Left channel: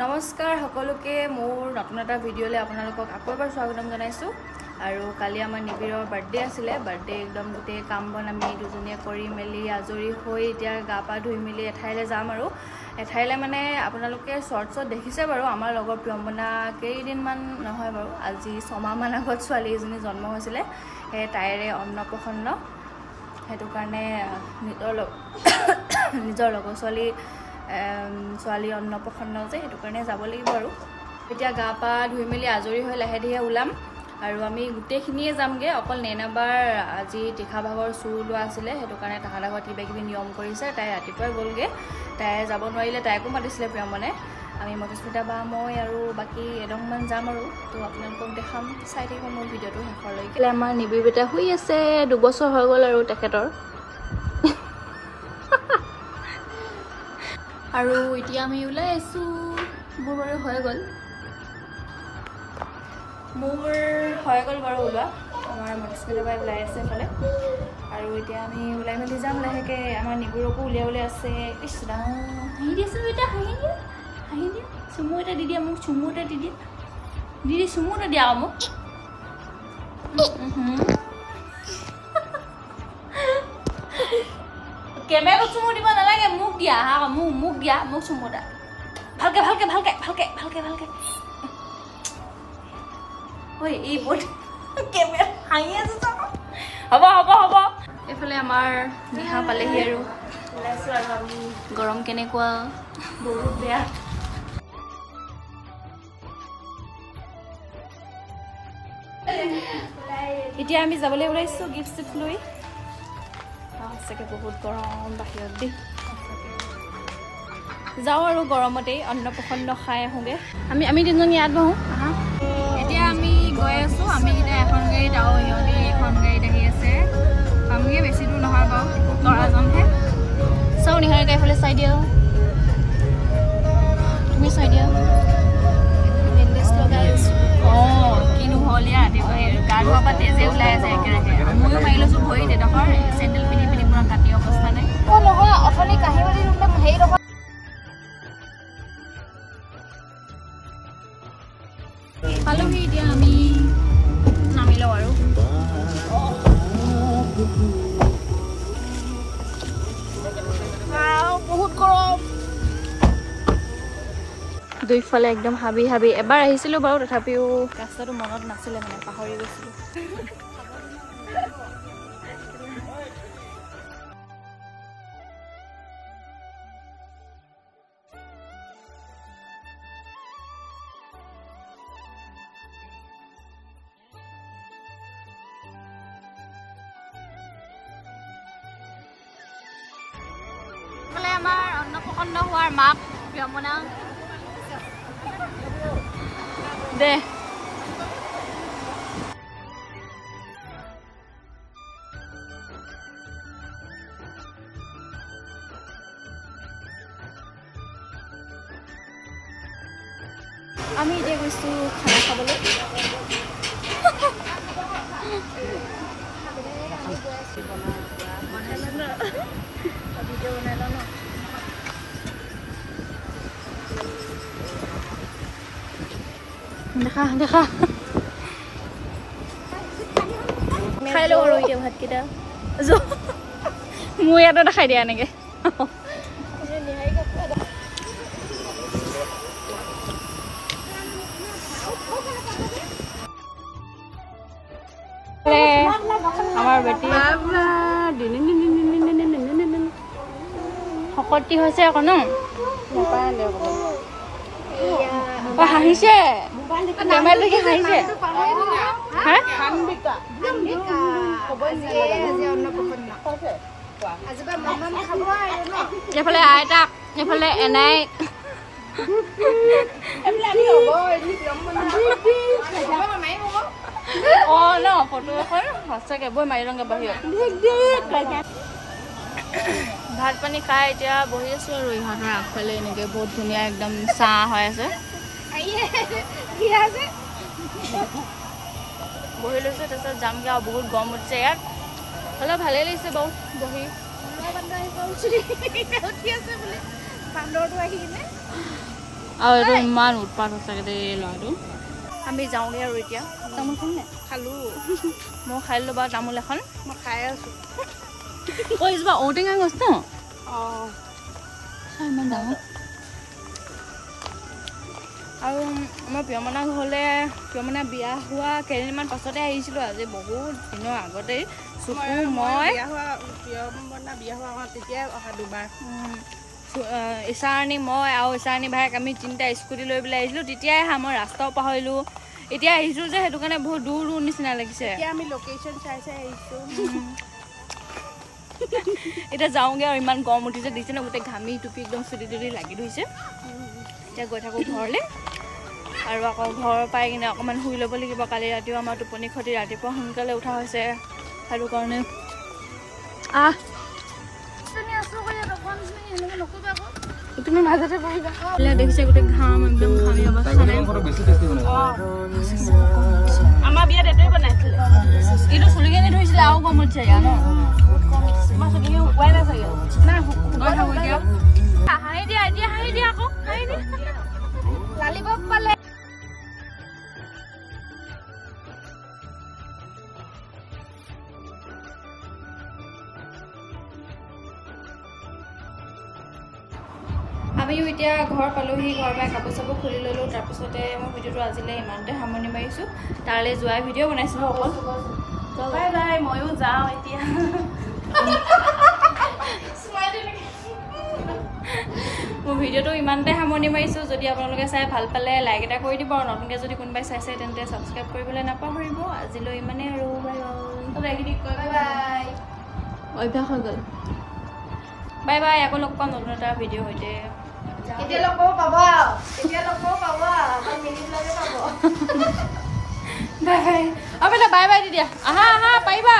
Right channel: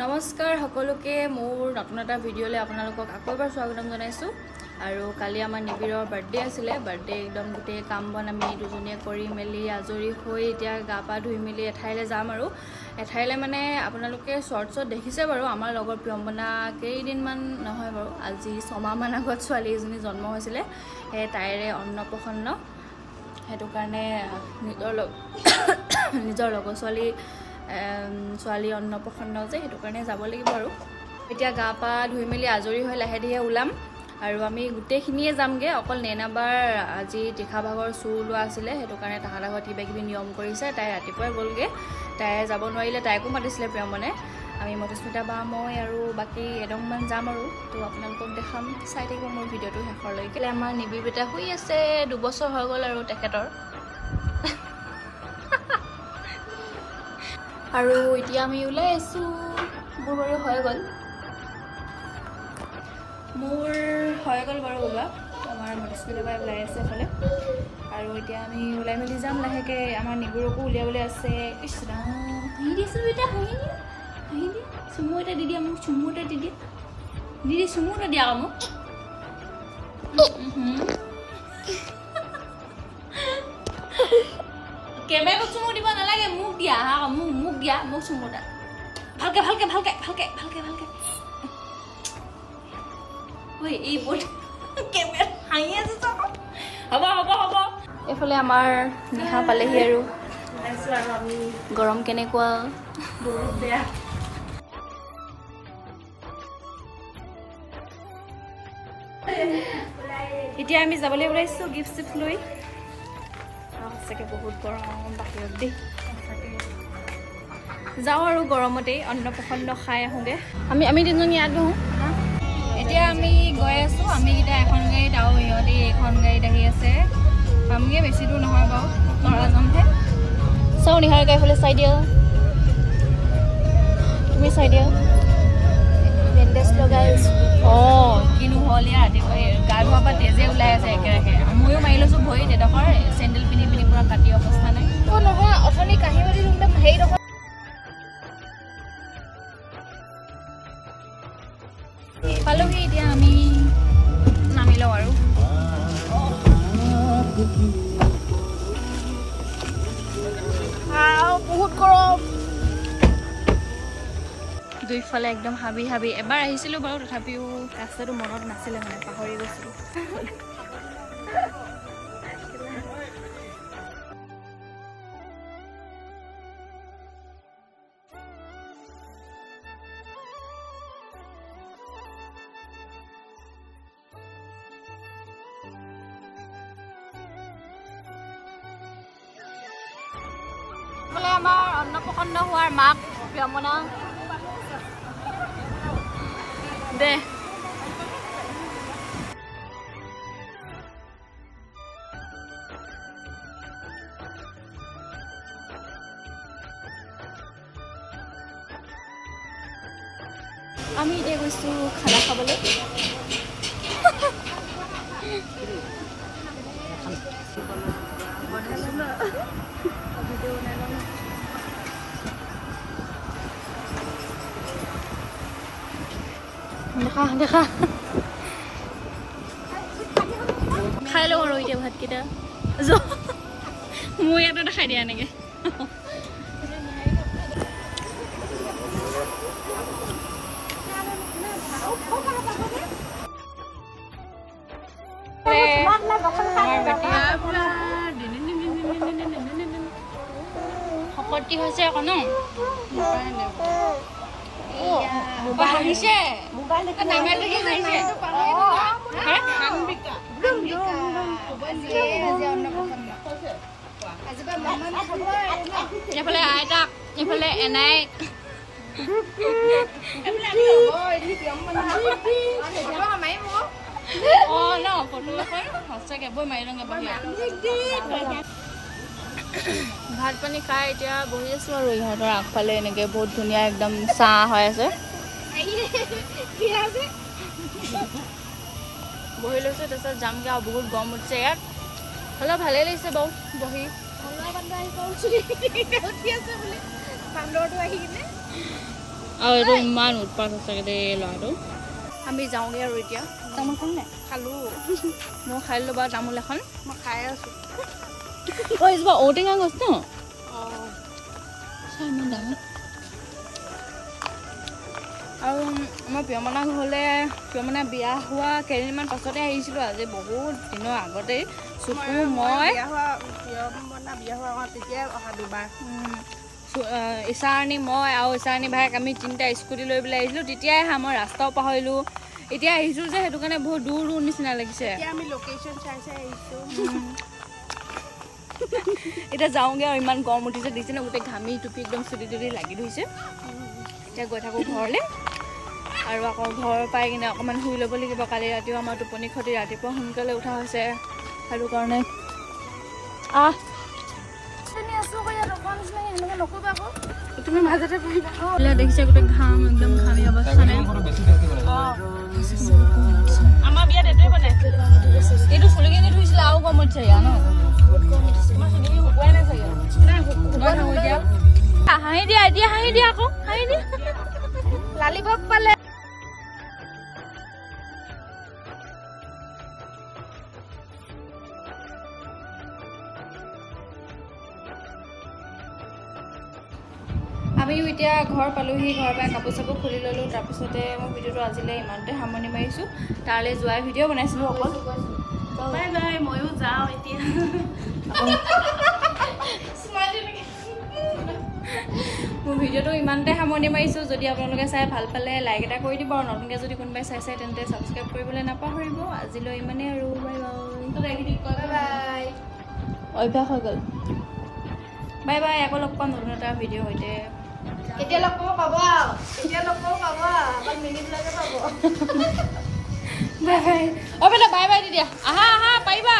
নমস্কাৰ সকলোকে মোৰ নতুন এটা ভিডিঅ'লৈ আপোনালোকক আকৌ এবাৰ স্বাগতম জনাইছো আৰু কালি আমাৰ নিবিৰৰ বাৰ্থডে আছিল বাৰ্থডে একদম গুটে কাম বন আমি দুজনীয়ে কৰি মেলি আজৰি হৈ এতিয়া গা পা ধুই মেলি এঠাইলৈ যাম আৰু এঠাইলৈ মানে আপোনালোকে শৰ্টছত দেখিছে বাৰু আমাৰ লগৰ প্ৰিয়ম্বনা কেইদিন মান নহয় বাৰু আজি 6 মাহ মান আগত ছোৱালী এজনী জন্ম হৈছিল হে তাইৰে অন্নপ্ৰসন্ন হেতু কাৰণে নিজৰ লগৰ ছোৱালী অন্নপ্ৰসন্ন যে হেতু কাৰণে যাব লাগিব আৰু এতিয়া গা পা ধুই মেলি আজৰি হৈ লাহে ধীৰে ওলাম আৰু আমি গুটেখিনিয়ে যামগে অকল নেনাবাৰ আজি তীখা ভাগৰ চুৰ লোৱা আছিল হেতু কাৰণে তাহালা ঘৰ কিবা কিবি নিয়ম কৰিছে তাই ৰাতিপুৱাই গলগে তাই যাব নোৱাৰিলে তাইকো মাতিছিলে প্ৰিয়মনে আমি মধুস্মিতা বা মই আৰু বাকি এডংমান যাম আৰু তো আপোনালোকক দেখাম চাই থাকিব মোৰ ভিডিঅ'টো শেষলৈকে আমাৰ নিবিৰ বেটা শুই আছে 2 বছৰ হৈ গল আৰু তেখেতৰ আৰু এতিয়া আমি ওলাই আছো মোৰ হৈ গল বাৰু ওলোৱা আমাৰ মধুস্মিতা বাই ওলাই আছে এফালে আৰু এতিয়া আমি ওলাই মেলি যাম লাহেকে আমাৰ নিবুৰকো উলিয়াবলৈ আছে ইছৰা হাঁহি দিছো এটা হাঁহি দিয়া চুমু এটা দি দিয়া মোক চুমু এটা দি দিয়া দিদি চুমু এটা দিয়া মোক কেমেৰা চুমু দিব নালাগে মোক দিয়া হা মোক দিয়া মোক চুমু এটা ভালকে ঐ এই বট কেমেৰা হাঁহি আছে হ'ব এফালে আমাৰ নিহা পালেহি আৰু আমি গৰম কেনেকুৱা বহুত বেয়া এতিয়া আমি যাবলৈ ওলাইছো গিফ্ট লৈ সঁচাকে বহুত গৰম বাহিৰত দেই যাওঁ আৰু গৰমতে অন্নপ্ৰসন্ন খাই আহোঁগে আমি তিনিজনী ইয়াত বহো এতিয়া আমি গৈ আছো আমি এতিয়া এখন গাড়ীত আৰু ইহঁতে এখন গাড়ীত আহি আছে পামগে বেছি দূৰ নহয় বাৰু তৰা যামহে চাওঁ নিহাৰ গাড়ীফালে চাই দিয়া তুমি চাই দিয়া বেণ্ডেজ লগাই কিনো হ'ল ইয়াত গা ধোৱাৰ পৰা তেজে ওলাই আছে একেৰাহে ময়ো মাৰি লৈছো ভৰিত এডোখৰ চেণ্ডেল পিন্ধি পুৰা কাটি অৱস্থা নাই নহয় অথনি কাঁহী বাতি হেৰি ডোখৰ পালোহি এতিয়া আমি নামি লওঁ আৰু বহুত গৰম দুইফালে একদম হাবি এবাৰ আহিছিলো বাৰু তথাপিও ৰাস্তাটো মনত নাছিলে মানে পাহৰি গৈছিলো আমাৰ অন্নপ্ৰসন্ন হোৱাৰ মাক প্ৰিয়মনা দে আমি এতিয়া গৈছো খানা খাবলৈ দেখা খাই লওঁ আৰু এতিয়া ভাতকেইটা মোৰ ইয়াতে দেখাই দিয়া এনেকে শকতি হৈছে আকৌ ন হাঁহিছে এফালে আইতা এফালে এনাই ন ফটো এখন সঁচাকে বৈ মাৰি লওঁগে বাহিৰত ভাত পানী খাই এতিয়া বহি আছো আৰু ইহঁতৰ আগফালে এনেকে বহুত ধুনীয়া একদম চাহ হৈ আছে বহি লৈছো তাৰপিছত যামগে আৰু বহুত গৰম উঠিছে ইয়াত হ'লেও ভালেই লাগিছে বাৰু বহি আৰু এইটো ইমান উৎপাত সঁচাকৈ দেই ল'ৰাটো আমি যাওঁগৈ আৰু এতিয়া তামোল খাম নে খালোঁ মই খাই ল'লোঁ বাৰু তামোল এখন মই খাই আছোঁ ঐ কিবা ঔটেঙা গছ ন অঁ ইমান ডাঙৰ আৰু আমাৰ প্ৰিয়মনা ঘৰলৈ প্ৰিয়মনা বিয়া হোৱা কেইদিনমান পাছতে আহিছিলোঁ আজি বহুত দিনৰ আগতেই চুকু মই বিয়া হোৱা তেতিয়াই অহা দুবাৰ ইছাৰণী মই আৰু ইছাৰণী ভাইক আমি তিনিটা স্কুটি লৈ পেলাই আহিছিলোঁ তেতিয়াই আহা মই ৰাস্তাও পাহৰিলোঁ এতিয়া আহিছোঁ যে সেইটো কাৰণে বহুত দূৰ দূৰ নিচিনা লাগিছে আমি লোকেশ্যন চাই চাই আহিছোঁ এতিয়া যাওঁগৈ আৰু ইমান গৰম উঠিছে দিছে ন গোটেই ঘামি টুপি একদম চুটি টুটি লাগি ধৰিছে এতিয়া গৈ থাকোঁ ঘৰলৈ আৰু আকৌ ঘৰ পাই কিনে অকণমান শুই ল'ব লাগিব কালি ৰাতিও আমাৰ টোপনি ক্ষতি ৰাতিপুৱা সোনকালে উঠা হৈছে সেইটো কাৰণে দেখিছে গোটেই ঘাম একদম ঘামি অৱস্থা নাই আমাৰ বিয়াত এইটোৱে পাতে এইটো ফুলিকেনে ধৰিছিলে আৰু কম উঠিছে ইয়াৰ ন হাঁহি দিয়া এতিয়া হাঁহি দিয়া আকৌ হাঁহি দিয়া লালিপপ পালে আমিও এতিয়া ঘৰ পালোহি ঘৰ পাই কাপোৰ চাপোৰ খুলি ল'লোঁ তাৰপিছতে মই ভিডিঅ'টো আজিলৈ ইমানতে সামৰণি মাৰিছোঁ তালৈ যোৱাৰ ভিডিঅ' বনাইছিলোঁ অকল বাই বাই ময়ো যাওঁ এতিয়া মোৰ ভিডিঅ'টো ইমানতে সামৰণি মাৰিছোঁ যদি আপোনালোকে চাই ভাল পালে লাইক এটা কৰি দিব আৰু নতুনকৈ যদি কোনোবাই চাইছে তেন্তে ছাবস্ক্ৰাইব কৰিবলৈ নাপাহৰিব আজিলৈ ইমানেই আৰু বাই বাই বাই অভ্যাস হৈ গ'ল বাই বাই আকৌ লগ পাম নতুন এটা ভিডিঅ' সৈতে এতিয়া লগ পাব মিনি ব্লগে পাব বাই বাই অ' বেটা বাই বাই দি দিয়া আহা পাৰিবা